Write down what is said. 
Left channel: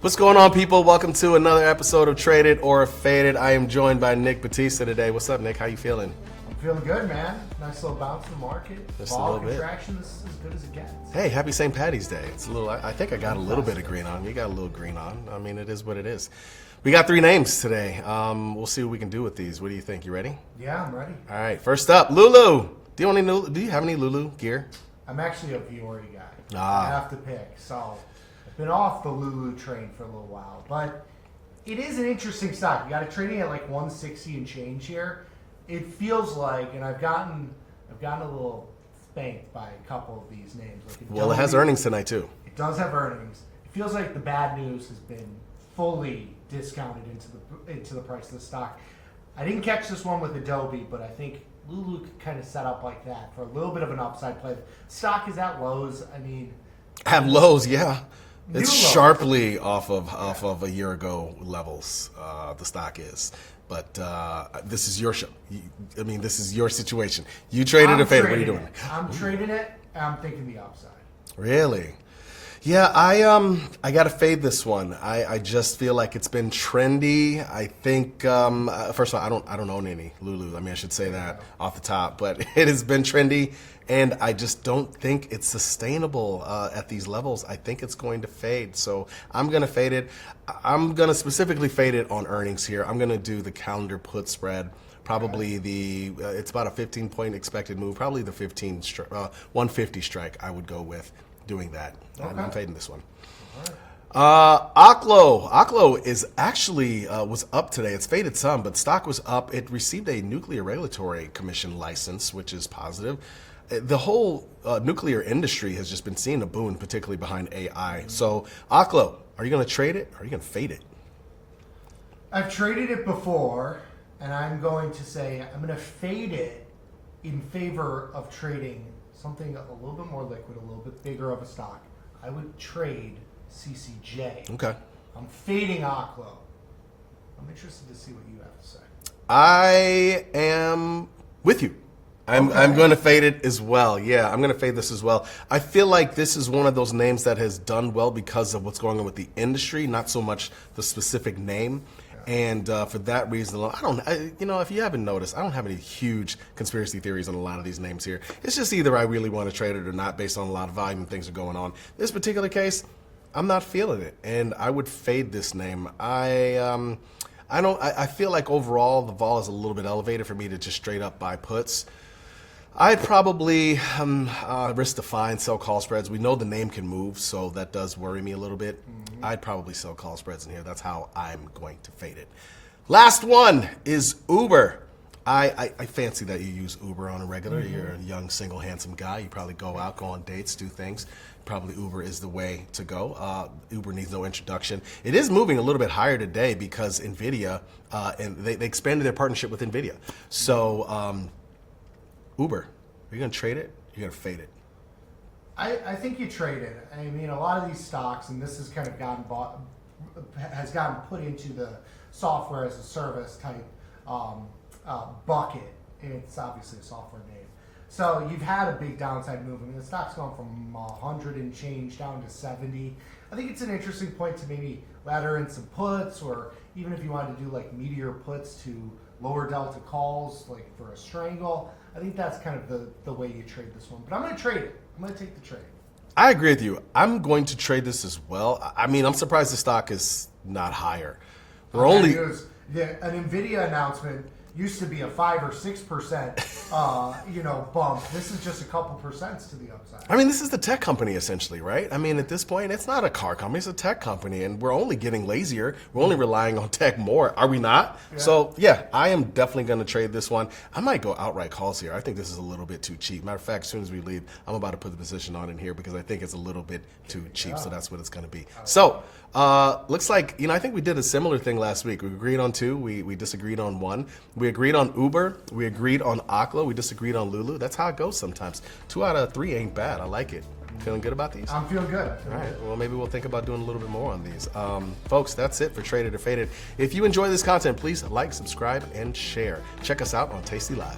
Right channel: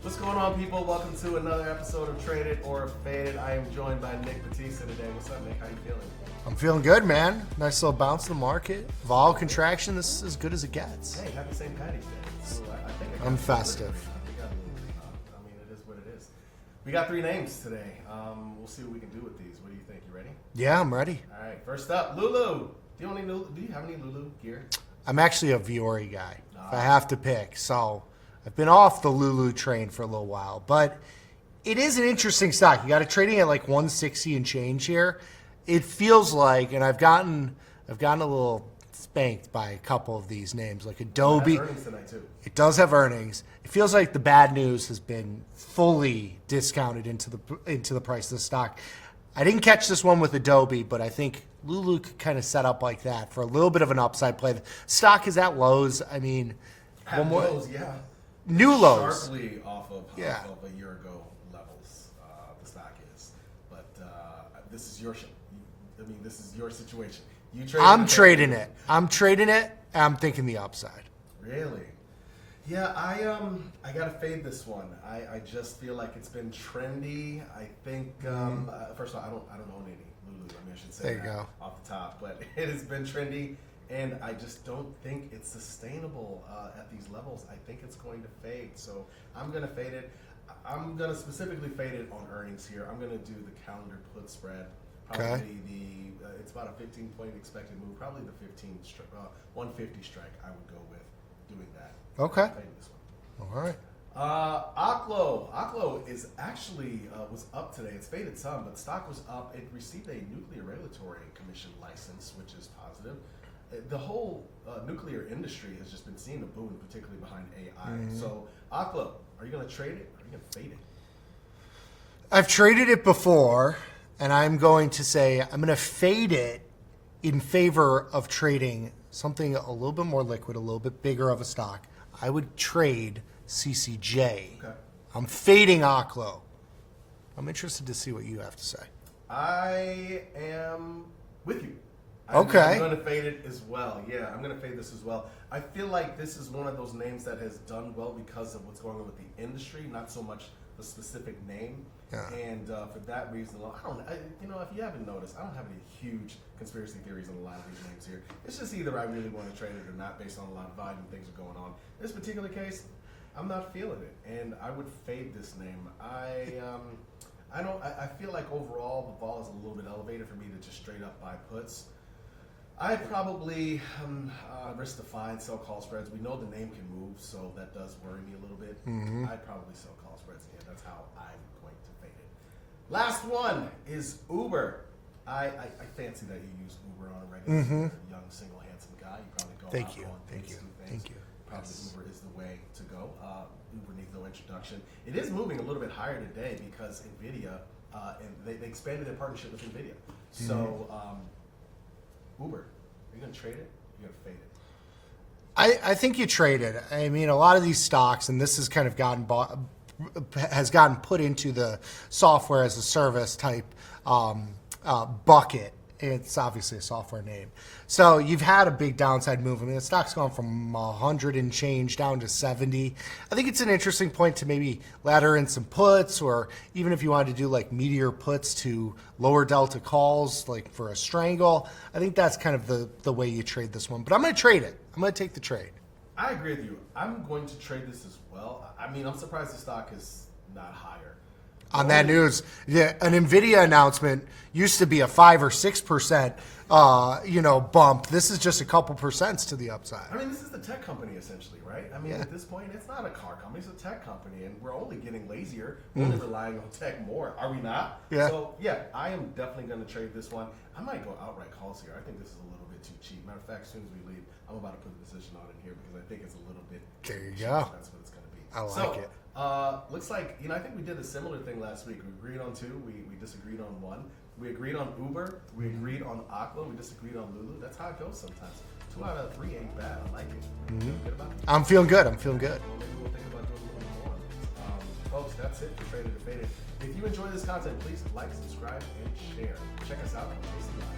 What's going on, people? Welcome to another episode of Traded or Faded. I am joined by Nick Battista today. What's up, Nick? How you feeling? I'm feeling good, man. Nice little bounce in the market. Just Vol a little contraction. This is as good as it gets. Hey, happy St. Patty's Day. It's a little. I think I got a little bit Festive. of green on. You got a little green on. I mean, it is what it is. We got 3 names today. We'll see what we can do with these. What do you think? You ready? Yeah, I'm ready. All right. First up, Lulu. Do you have any Lulu gear? I'm actually a Viore guy. Ah. I have to pick. So I've been off the Lulu train for a little while, but it is an interesting stock. You got it trading at like 160 and change here. It feels like, and I've gotten a little spanked by a couple of these names, like Adobe. Well, it has earnings tonight too. It does have earnings. It feels like the bad news has been fully discounted into the price of the stock. I didn't catch this one with Adobe, but I think Lulu could kind of set up like that for a little bit of an upside play. The stock is at lows. I mean, At lows, yeah. New It's lows. sharply off of a year ago levels. The stock is, but this is your show. I mean, this is your situation. You traded I'm it. What are you trading doing? it. I'm trading it. I'm thinking the upside. Really? Yeah, I gotta fade this one. I just feel like it's been trendy. I think first of all, I don't own any Lulu. I mean, I should say There you that go. off the top, but it has been trendy, and I just don't think it's sustainable at these levels. I think it's going to fade, so I'm gonna fade it. I'm gonna specifically fade it on earnings here. I'm gonna do the calendar put spread. Probably it's about a 15-point expected move. Probably the 150 strike. I would go with doing that. Okay. I'm fading this one. All right. Aklo is actually was up today. It's faded some, but stock was up. It received a Nuclear Regulatory Commission license, which is positive. The whole nuclear industry has just been seeing a boom, particularly behind AI. So, Aklo, are you going to trade it or are you going to fade it? I've traded it before, and I'm going to say I'm going to fade it in favor of trading something a little bit more liquid, a little bit bigger of a stock. I would trade CCJ. Okay. I'm fading Aklo. I'm interested to see what you have to say. I am with you. I'm Okay. going to fade it as well. Yeah, I'm going to fade this as well. I feel like this is one of those names that has done well because of what's going on with the industry, not so much the specific name. Yeah. And for that reason alone, if you haven't noticed, I don't have any huge conspiracy theories on a lot of these names here. It's just either I really want to trade it or not based on a lot of volume and things are going on. This particular case, I'm not feeling it, and I would fade this name. I feel like overall the vol is a little bit elevated for me to just straight up buy puts. I'd probably risk the fine, sell call spreads. We know the name can move, so that does worry me a little bit. I'd probably sell call spreads in here. That's how I'm going to fade it. Last one is Uber. I fancy that you use Uber on a regular. You're a young, single, handsome guy. You probably go out, go on dates, do things. Probably Uber is the way to go. Uber needs no introduction. It is moving a little bit higher today because NVIDIA, and they expanded their partnership with NVIDIA. So Uber, are you going to trade it? You're going to fade it. I think you trade it. I mean, a lot of these stocks, and this has kind of gotten put into the software as a service type bucket. It's obviously a software name. So you've had a big downside move. I mean, the stock's gone from 100 and change down to 70. I think it's an interesting point to maybe ladder in some puts, or even if you wanted to do like meteor puts to lower delta calls, like for a strangle. I think that's kind of the way you trade this one. But I'm going to trade it. I'm going to take the trade. I agree with you. I'm going to trade this as well. I mean, I'm surprised the stock is not higher. On that news, an NVIDIA announcement used to be a 5 or 6%, bump. This is just a couple percents to the upside. I mean, this is the tech company essentially, right? I mean, at this point, it's not a car company; it's a tech company, and we're only getting lazier. We're only relying on tech more, are we not? Yeah. So, yeah, I am definitely going to trade this one. I might go outright calls here. I think this is a little bit too cheap. Matter of fact, as soon as we leave, I'm about to put the position on in here because I think it's a little bit too cheap. go. So that's what it's going to be. I like So. it. Looks like, I think we did a similar thing last week. We agreed on 2. We disagreed on 1. We agreed on Uber. We agreed on Aklo. We disagreed on Lulu. That's how it goes sometimes. 2 out of 3 ain't bad. I like it. Feeling good about these? I'm feeling good. Well, maybe we'll think about doing a little bit more on these. Folks, that's it for Traded or Faded. If you enjoy this content, please like, subscribe, and share. Check us out on Tasty Live.